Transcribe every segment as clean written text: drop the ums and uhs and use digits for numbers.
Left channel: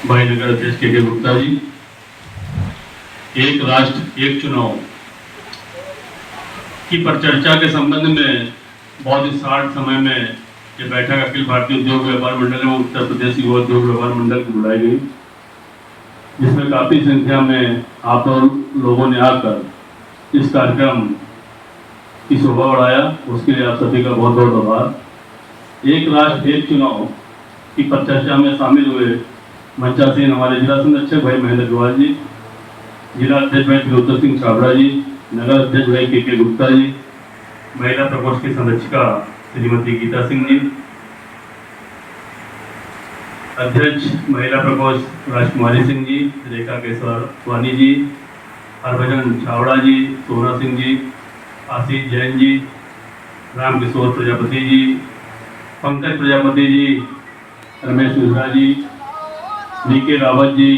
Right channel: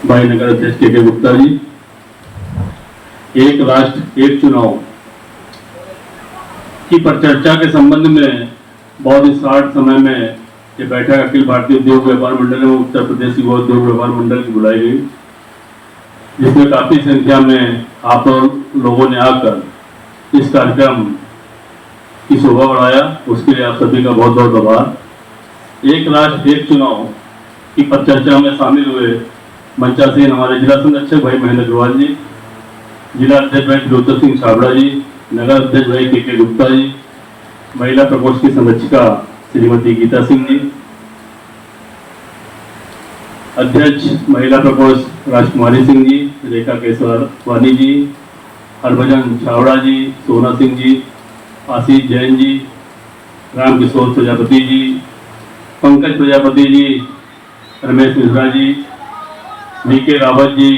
भाई नगर अध्यक्ष के गुप्ता जी, एक राष्ट्र एक चुनाव की परिचर्चा के संबंध में बहुत ही शार्ट समय में ये बैठक अखिल भारतीय उद्योग व्यापार मंडल में उत्तर प्रदेश युवा उद्योग व्यापार मंडल की बुलाई गई, जिसमें काफी संख्या में आप लोगों ने आकर इस कार्यक्रम की शोभा बढ़ाया। उसके लिए आप सभी का बहुत बहुत आभार। एक राष्ट्र एक चुनाव की परिचर्चा में शामिल हुए मंचासीन हमारे जिला संरक्षक भाई महेंद्र अग्रवाल जी, जिला अध्यक्ष भाई त्रिलोचन सिंह छाबड़ा जी, नगर अध्यक्ष भाई के गुप्ता जी, महिला प्रकोष्ठ की संरक्षिका श्रीमती गीता सिंह जी, अध्यक्ष महिला प्रकोष्ठ राजकुमारी सिंह जी, रेखा केसवानी जी, हरभजन छाबड़ा जी, सोना सिंह जी, आशीष जैन जी, राम किशोर प्रजापति जी, पंकज प्रजापति जी, रमेश मिश्रा जी, वीके रावत जी,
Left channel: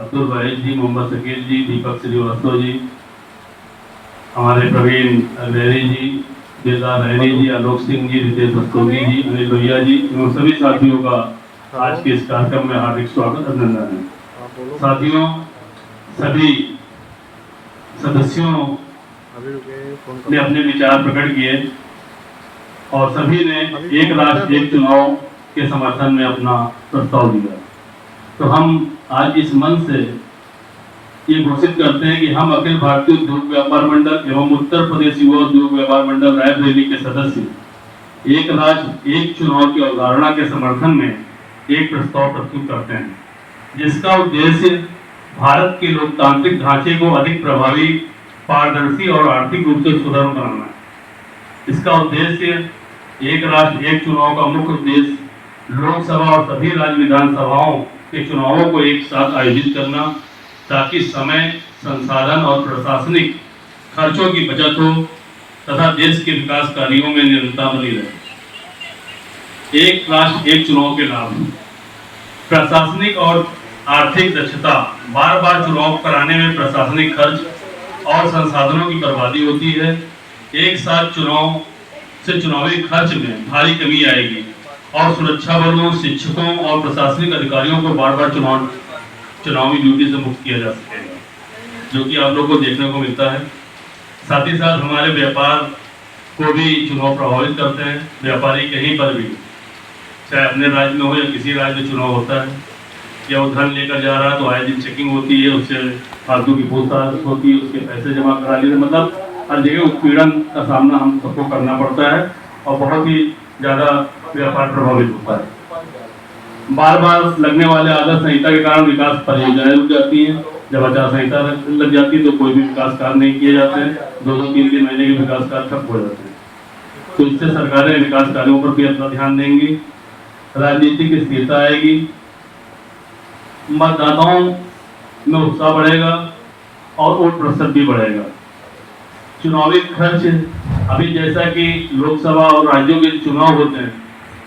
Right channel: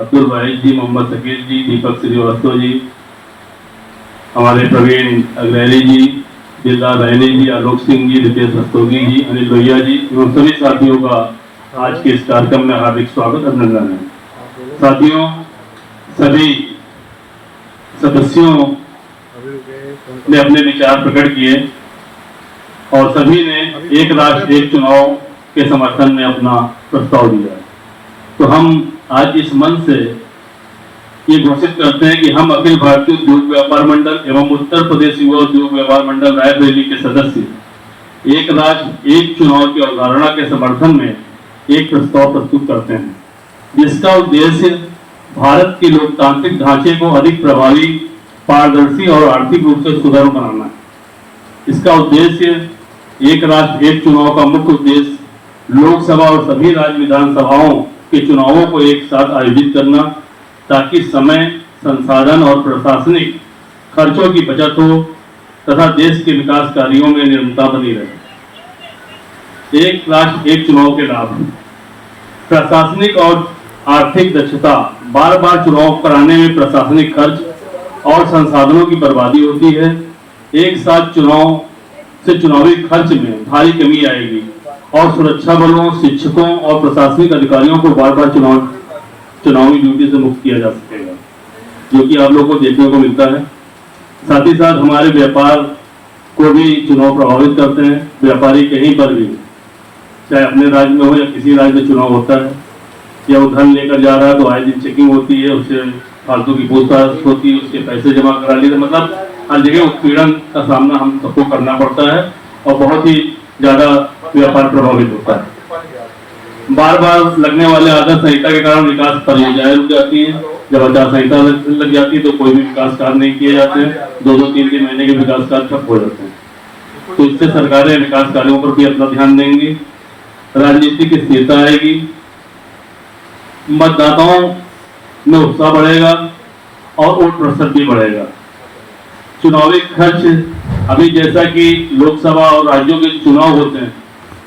अब्दुल वाहिद जी, मोहम्मद शकील जी, दीपक श्रीवास्तव जी, हमारे प्रवीण अग्रहरी जी, दिलदार रैनी जी, आलोक सिंह जी, रितेश रस्तोगी जी, अनिल लोहिया जी एवं सभी साथियों का आज के इस कार्यक्रम में हार्दिक स्वागत अभिनंदन है। साथियों, सभी सदस्यों ने अपने विचार प्रकट किए और सभी ने एक राष्ट्र एक चुनाव के समर्थन में अपना प्रस्ताव दिया। तो हम आज इस मंच से ये घोषित करते हैं कि हम अखिल भारतीय उद्योग व्यापार मंडल एवं उत्तर प्रदेश युवा उद्योग व्यापार मंडल रायबरेली के सदस्य एक राष्ट्र एक चुनाव की अवधारणा के समर्थन में एक प्रस्ताव प्रस्तुत करते हैं, जिसका उद्देश्य भारत के लोकतांत्रिक ढांचे को अधिक प्रभावी, पारदर्शी और आर्थिक रूप से सुदृढ़ बनाना है। इसका उद्देश्य एक राष्ट्र एक चुनाव का मुख्य उद्देश्य लोकसभा और सभी राज्य विधानसभाओं के चुनावों को एक साथ आयोजित करना, ताकि समय, संसाधन और प्रशासनिक खर्चों की बचत हो तथा देश के विकास कार्यों में निरंतरता बनी रहे। एक राष्ट्र एक चुनाव के लाभ: प्रशासनिक और आर्थिक दक्षता। बार बार चुनाव कराने में प्रशासनिक खर्च और संसाधनों की बर्बादी होती है। एक साथ चुनाव से चुनावी खर्च में भारी कमी आएगी और सुरक्षा बलों, शिक्षकों और प्रशासनिक अधिकारियों को बार बार चुनावी ड्यूटी से मुक्त किया जा सकेगा, जो कि आप लोगों को देखने को मिलता है। साथ ही साथ हमारे व्यापार को भी चुनाव प्रभावित करते हैं। व्यापारी कहीं पर भी, चाहे अपने राज्य में हो या किसी राज्य में चुनाव होता है, या वो धन लेकर जा रहा है तो आए दिन चेकिंग होती है, उससे फालतू की पूछताछ होती है, उसके पैसे जमा करा लेते, मतलब हर जगह उत्पीड़न का सामना हम सबको करना पड़ता है और बहुत ही ज्यादा व्यापार प्रभावित होता है। बार बार लगने वाले आदर्श संहिता के कारण विकास परियोजनाएं रुक जाती हैं। जब आचार संहिता लग जाती है तो कोई भी विकास कार्य नहीं किए जाते हैं, 2-3 महीने के विकास कार्य ठप हो जाते हैं। तो इससे सरकारें विकास कार्यों पर भी अपना ध्यान देंगी, राजनीति की स्थिरता आएगी, मतदाताओं में उत्साह बढ़ेगा और वोट प्रतिशत भी बढ़ेगा। चुनावी खर्च, अभी जैसा कि लोकसभा और राज्यों के चुनाव होते हैं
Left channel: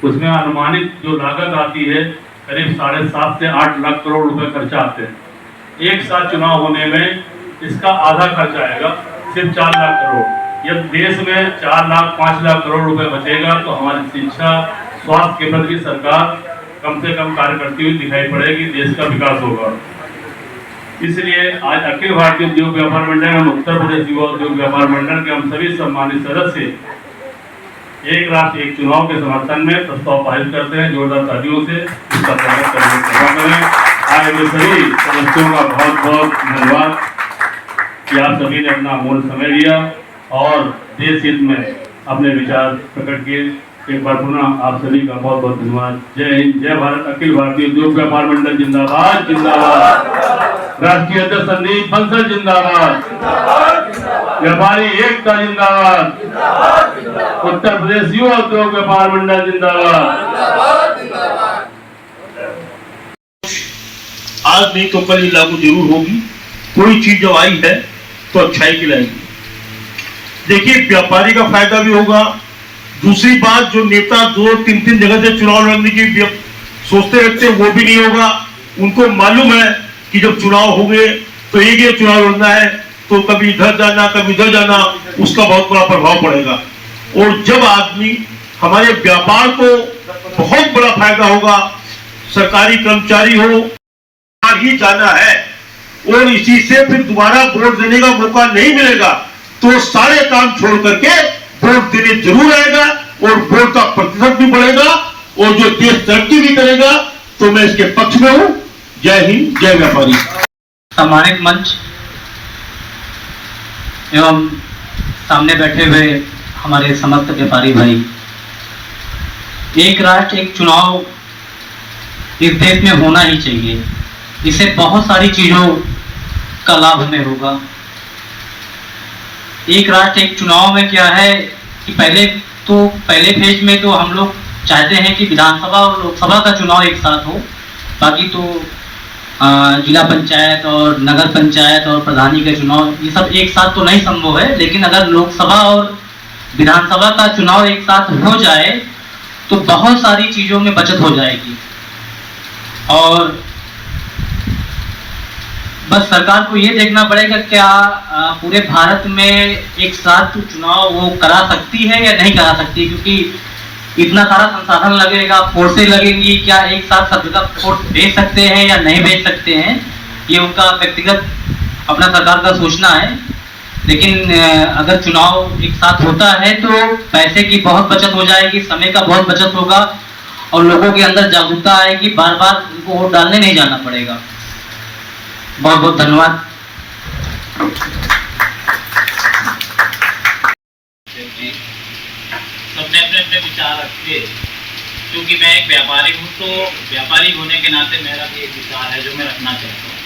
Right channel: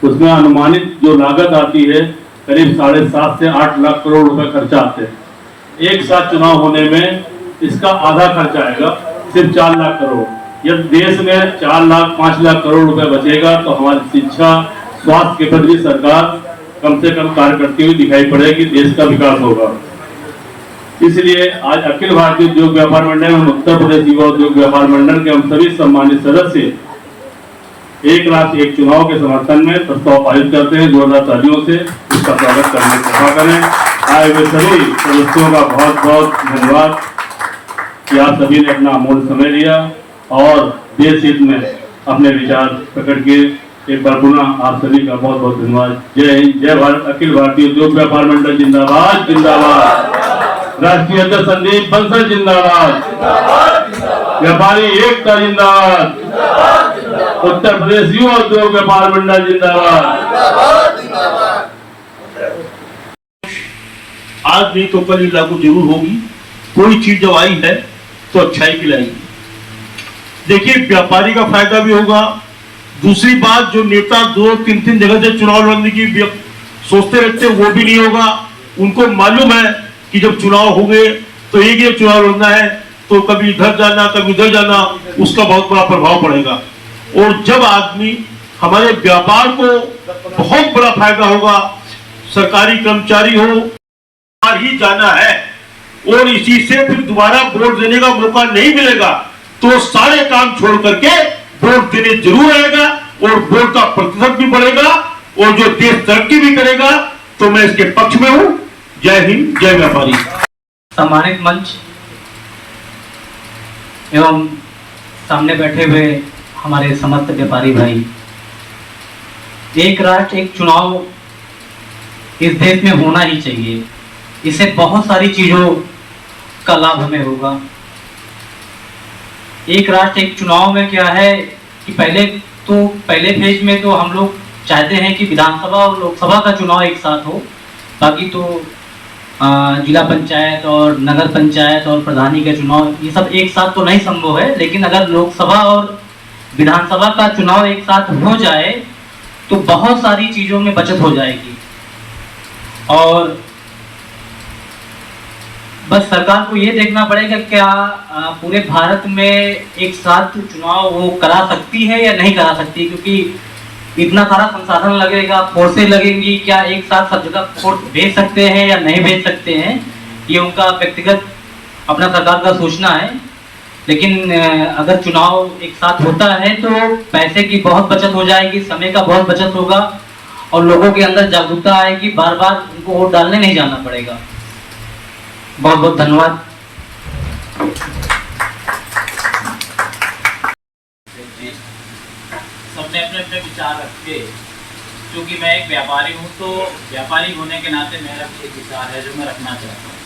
उसमें अनुमानित जो लागत आती है करीब 7.5 से 8 लाख करोड़ रुपए खर्चा आते हैं। एक साथ चुनाव होने में इसका आधा खर्चा आएगा, सिर्फ 4 लाख करोड़। जब देश में 4 लाख 5 लाख करोड़ रुपए बचेगा तो हमारी शिक्षा, स्वास्थ्य के प्रति सरकार कम से कम कार्य करती हुई दिखाई पड़ेगी, देश का विकास होगा। इसलिए आज अखिल भारतीय उद्योग व्यापार मंडल एवं उत्तर प्रदेश युवा उद्योग व्यापार मंडल के हम सभी सम्मानित सदस्य एक राष्ट्र एक चुनाव के समर्थन में प्रस्ताव पारित करते हैं। जोरदार तालियों से इसका स्वागत करने की कृपा करें। आए हुए सभी सदस्यों का बहुत बहुत धन्यवाद कि आप सभी ने अपना अमूल्य समय दिया और देश हित में अपने विचार प्रकट किए। एक बार पुनः आप सभी का बहुत बहुत धन्यवाद। जय हिंद, जय भारत। अखिल भारतीय उद्योग व्यापार मंडल जिंदाबाद जिंदाबाद। राष्ट्रीय अध्यक्ष संदीप बंसल जिंदाबाद। व्यापारी एकता जिंदाबाद। उत्तर प्रदेश युवा उद्योग व्यापार मंडल जिंदाबाद। आज नहीं तो कल लागू जरूर होगी। कोई चीज जब आई है तो अच्छाई की लाएगी। देखिए, व्यापारी का फायदा भी होगा। दूसरी बात, जो नेता 2-3 जगह से चुनाव लड़ने की सोचते रहते वो भी नहीं होगा। उनको मालूम है कि जब चुनाव होंगे तो एक ही चुनाव लड़ना है, तो कभी इधर जाना कभी उधर जाना, उसका बहुत बड़ा प्रभाव पड़ेगा। और जब आदमी, हमारे व्यापार को बहुत बड़ा फायदा होगा, सरकारी कर्मचारी हो बार ही जाना है और इसी से फिर दोबारा वोट देने का मौका नहीं मिलेगा, तो सारे काम छोड़ करके वोट देने जरूर आएगा और वोट का प्रतिशत भी बढ़ेगा और जो देश तरक्की भी करेगा। तो मैं इसके पक्ष में हूं। जय हिंद, जय व्यापारी। सम्मानित मंच एवं सामने बैठे हुए हमारे समस्त व्यापारी भाई, एक राष्ट्र एक चुनाव इस देश में होना ही चाहिए। इससे बहुत सारी चीजों का लाभ हमें होगा। एक राष्ट्र एक चुनाव में क्या है कि पहले फेज में तो हम लोग चाहते हैं कि विधानसभा और लोकसभा का चुनाव एक साथ हो, बाकी तो जिला पंचायत और नगर पंचायत और प्रधानी के चुनाव ये सब एक साथ तो नहीं संभव है। लेकिन अगर लोकसभा और विधानसभा का चुनाव एक साथ हो जाए तो बहुत सारी चीजों में बचत हो जाएगी। और बस सरकार को ये देखना पड़ेगा क्या पूरे भारत में एक साथ चुनाव वो करा सकती है या नहीं करा सकती, क्योंकि इतना सारा संसाधन लगेगा, फोर्सें लगेंगी, क्या एक साथ सब जगह फोर्स भेज सकते हैं या नहीं भेज सकते हैं, ये उनका व्यक्तिगत अपना सरकार का सोचना है। लेकिन अगर चुनाव एक साथ होता है तो पैसे की बहुत बचत हो जाएगी, समय का बहुत बचत होगा और लोगों के अंदर जागरूकता आएगी, बार बार उनको वोट डालने नहीं जाना पड़ेगा। बहुत बहुत धन्यवाद। सबने अपने अपने विचार रखे, क्योंकि मैं एक व्यापारी हूँ तो व्यापारी होने के नाते मेरा एक विचार है जो मैं रखना चाहता हूँ।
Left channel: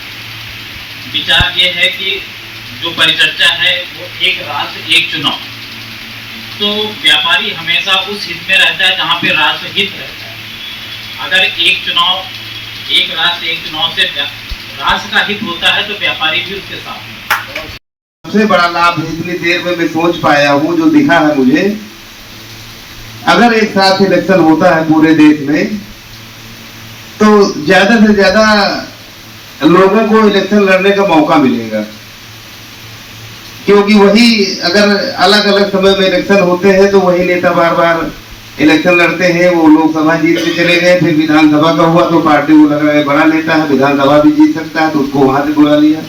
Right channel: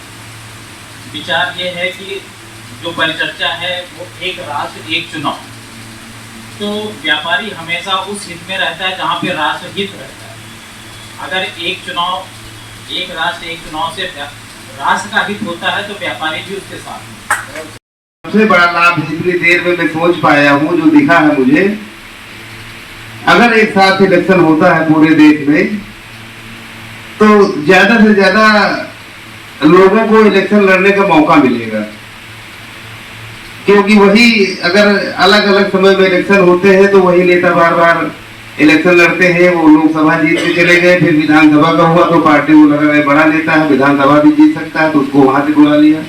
विचार ये है कि जो परिचर्चा है वो एक राष्ट्र एक चुनाव, तो व्यापारी हमेशा उस हित में रहता है जहाँ पे राष्ट्र हित रहता है। अगर एक राष्ट्र एक चुनाव से राष्ट्र का हित होता है तो व्यापारी भी उसके साथ है। सबसे बड़ा लाभ इतनी देर में मैं सोच पाया हूँ, जो दिखा है मुझे, अगर एक साथ इलेक्शन होता है पूरे देश में तो ज्यादा से ज्यादा लोगों को इलेक्शन लड़ने का मौका मिलेगा। क्योंकि वही अगर अलग अलग समय में इलेक्शन होते हैं तो वही नेता बार बार इलेक्शन लड़ते हैं, वो लोकसभा जीत के चले गए, फिर विधानसभा का हुआ तो पार्टी को लगा बड़ा नेता है, विधानसभा भी जीत सकता है तो उसको वहां से बुला लिया।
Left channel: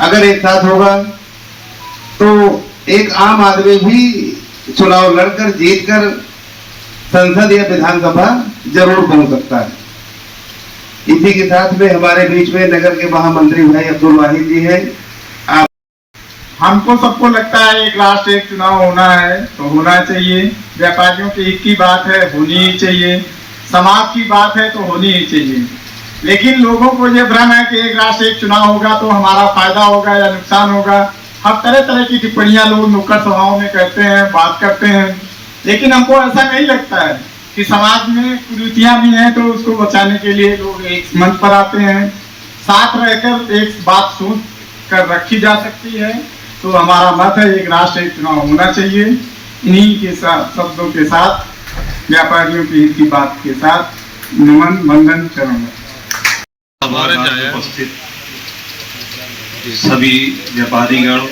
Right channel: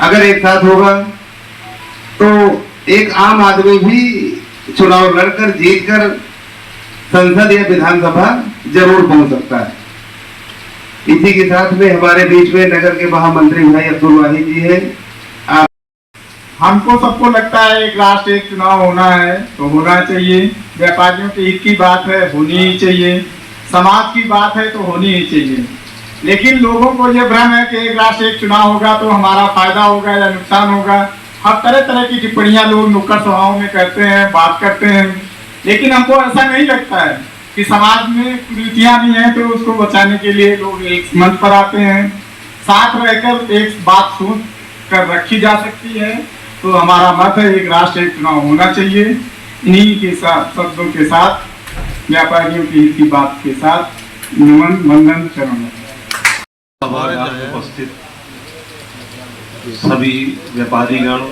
अगर एक साथ होगा तो एक आम आदमी भी चुनाव लड़कर जीतकर संसद या विधानसभा जरूर पहुंच सकता है। इसी के साथ में हमारे बीच में नगर के महामंत्री भाई अब्दुल वाहिद जी हैं। हमको सबको लगता है एक राष्ट्र एक चुनाव होना है तो होना चाहिए। व्यापारियों की हित की बात है, होनी ही चाहिए। समाज की बात है तो होनी ही चाहिए। लेकिन लोगों को ये भ्रम है कि एक राष्ट्र एक चुनाव होगा तो हमारा फायदा होगा या नुकसान होगा। हर तरह तरह की टिप्पणियां लोग नुक्कड़ सभाओं में करते हैं, बात करते हैं, लेकिन हमको ऐसा नहीं लगता है कि समाज में कुरीतियां भी हैं तो उसको बचाने के लिए लोग एक मंच पर आते हैं। साथ रहकर एक बात सोच कर रखी जा सकती है। तो हमारा मत है एक राष्ट्र एक चुनाव होना चाहिए। इन्हीं के साथ शब्दों के साथ व्यापारियों की हित की बात के साथ नमन वंदन चरण उपस्थित सभी व्यापारीगण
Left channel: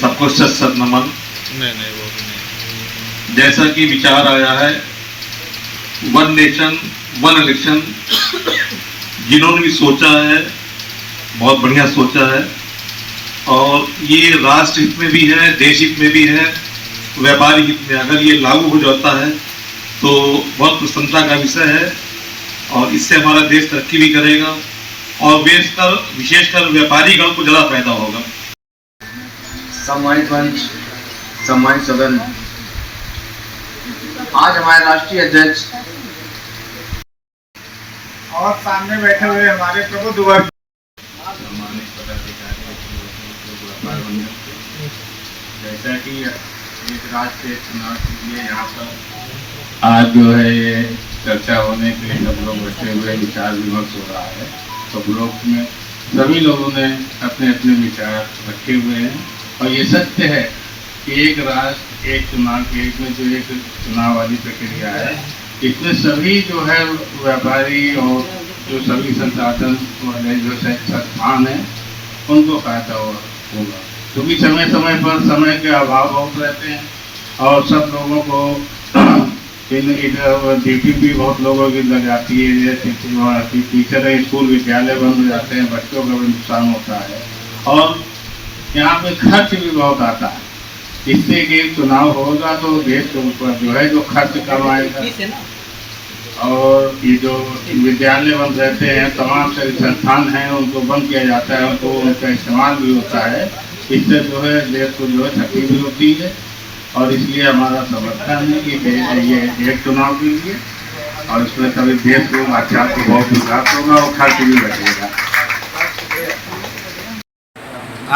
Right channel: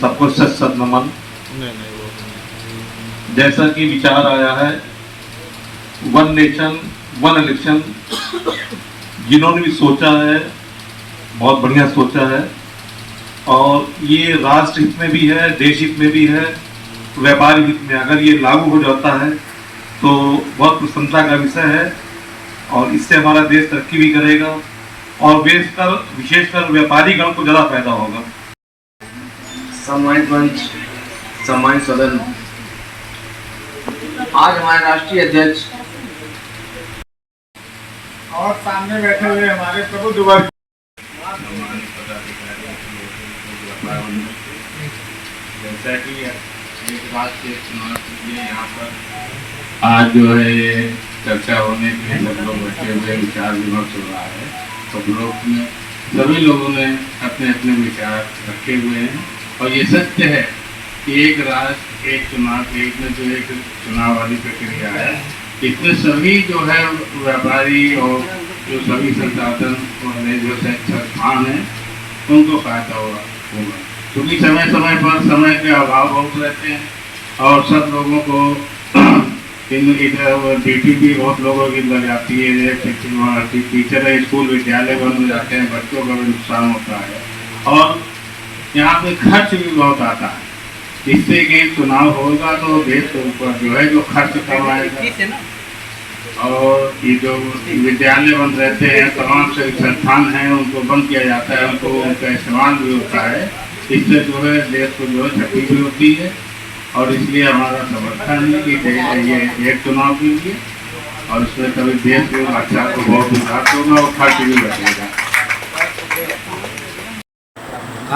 सबको सत नमन। जैसा कि विचार आया है वन नेशन वन इलेक्शन, जिन्होंने भी सोचा है बहुत बढ़िया सोचा है और ये राष्ट्र हित में भी है, देश हित में भी है, व्यापारी हित में अगर ये लागू हो जाता है तो बहुत प्रसन्नता का विषय है और इससे हमारा देश तरक्की भी करेगा और विशेषकर व्यापारी गण को ज़्यादा फायदा होगा। सम्मानित मंच, सम्मानित सदन, आज हमारे राष्ट्रीय अध्यक्ष और सामने बैठे हुए हमारे प्रबुद्ध वर्ग, जैसा कि एक राष्ट्रीय चुनाव के लिए यहाँ पर आज जो है ये चर्चा होने के लिए सब लोग बैठे हुए विचार विमर्श हो रहा है। सब लोग में सभी लोगों ने अपने अपने विचार रखे हुए हैं और ये सत्य है कि एक राष्ट्र एक चुनाव के में जो एक चुनाव वाली प्रक्रिया है, इसमें सभी जो है व्यापारी और जो सभी संसाधन वाले जो संस्थान हैं उनको फायदा होगा, क्योंकि समय समय पर समय के अभाव बहुत रहते हैं और सब लोगों को इधर ड्यूटी भी बहुत लोगों की लग जाती है, टीचर स्कूल विद्यालय बंद हो जाते हैं, बच्चों का भी नुकसान होता है और यहाँ पे खर्च भी बहुत आता है। इससे कि चुनाव होगा तो देश के ऊपर जो है जो खर्च कम आएगा और ये जो विद्यालय बंद रहते हैं, तमाम से संस्थान हैं उनको बंद किया जाता है, उनको उनका इस्तेमाल भी होता है। इससे जो है देश को जो है क्षति भी होती है और इसलिए हमारा समर्थन है कि ये एक चुनाव कीजिए और इसमें तभी देश को अच्छा को बहुत विकास होगा और खर्च भी बचेगा।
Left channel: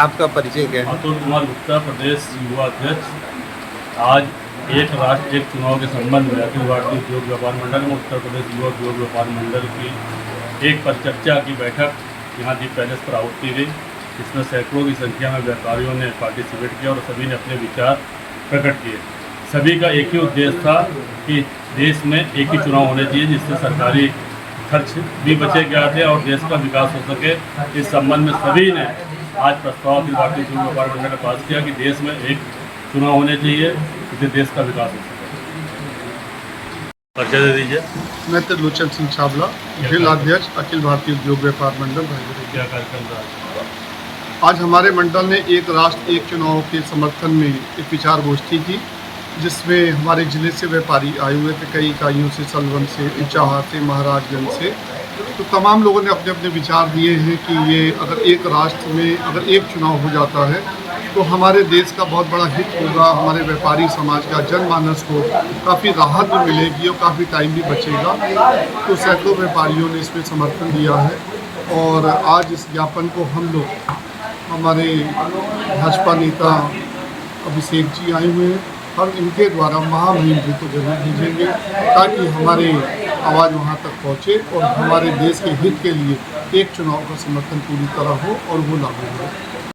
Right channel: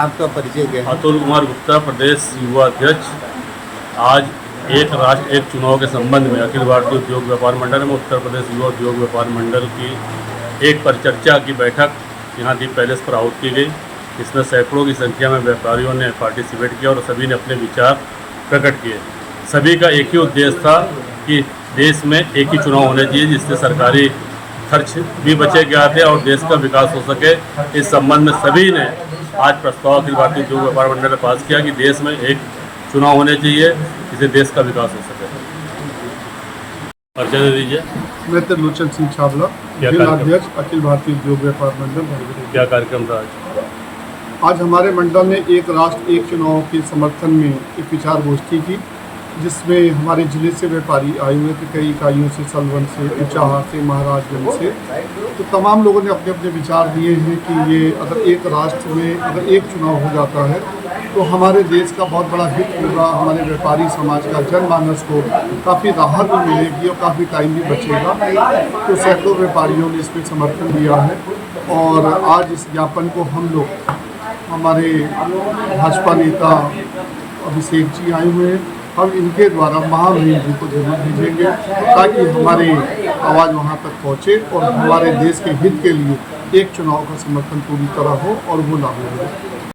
आपका परिचय क्या है? अतुल कुमार गुप्ता, प्रदेश युवा अध्यक्ष। आज एक राष्ट्र एक चुनाव के संबंध में अखिल भारतीय उद्योग व्यापार मंडल में उत्तर प्रदेश युवा उद्योग व्यापार मंडल की एक परिचर्चा की बैठक यहाँ दीप पैलेस पर आहुत की गई। इसमें सैकड़ों की संख्या में व्यापारियों ने पार्टिसिपेट किया और सभी ने अपने विचार प्रकट किए। सभी का एक ही उद्देश्य था कि देश में एक ही चुनाव होने चाहिए जिससे सरकारी खर्च भी बचे जाते और देश का विकास हो सके। इस संबंध में सभी ने आज प्रस्ताव अखिल भारतीय उद्योग व्यापार मंडल ने पास किया कि देश में एक चुनाव होने चाहिए जिससे देश का विकास हो सके। परिचय दे दीजिए। मैं त्रिलोचन सिंह छाबड़ा, जिला अध्यक्ष अखिल भारतीय उद्योग व्यापार मंडल रायबरेली। क्या कार्यक्रम था आज हमारे मंडल ने एक राष्ट्र एक चुनाव के समर्थन में एक विचार गोष्ठी की, जिसमें हमारे जिले से व्यापारी आए हुए थे, कई इकाइयों से, सलवन से, ऊंचाहा से, महाराजगंज से। तो तमाम लोगों ने अपने अपने विचार दिए हैं कि ये अगर एक राष्ट्र में अगर एक चुनाव हो जाता है तो हमारे देश का बहुत बड़ा हित होगा, हमारे व्यापारी समाज का, जनमानस को काफ़ी राहत भी मिलेगी और काफ़ी टाइम भी बचेगा। तो सैकड़ों व्यापारियों ने इसमें समर्थन दिया है और आज इस ज्ञापन को हम लोग, हमारे भाजपा नेता अभिषेक जी आए हुए हैं, हम इनके द्वारा महामहिम जी को जरूर भेजेंगे ताकि हमारी आवाज़ वहां तक पहुंचे और हमारे देश के हित के लिए एक चुनाव का समर्थन पूरी तरह हो और वो लागू हो।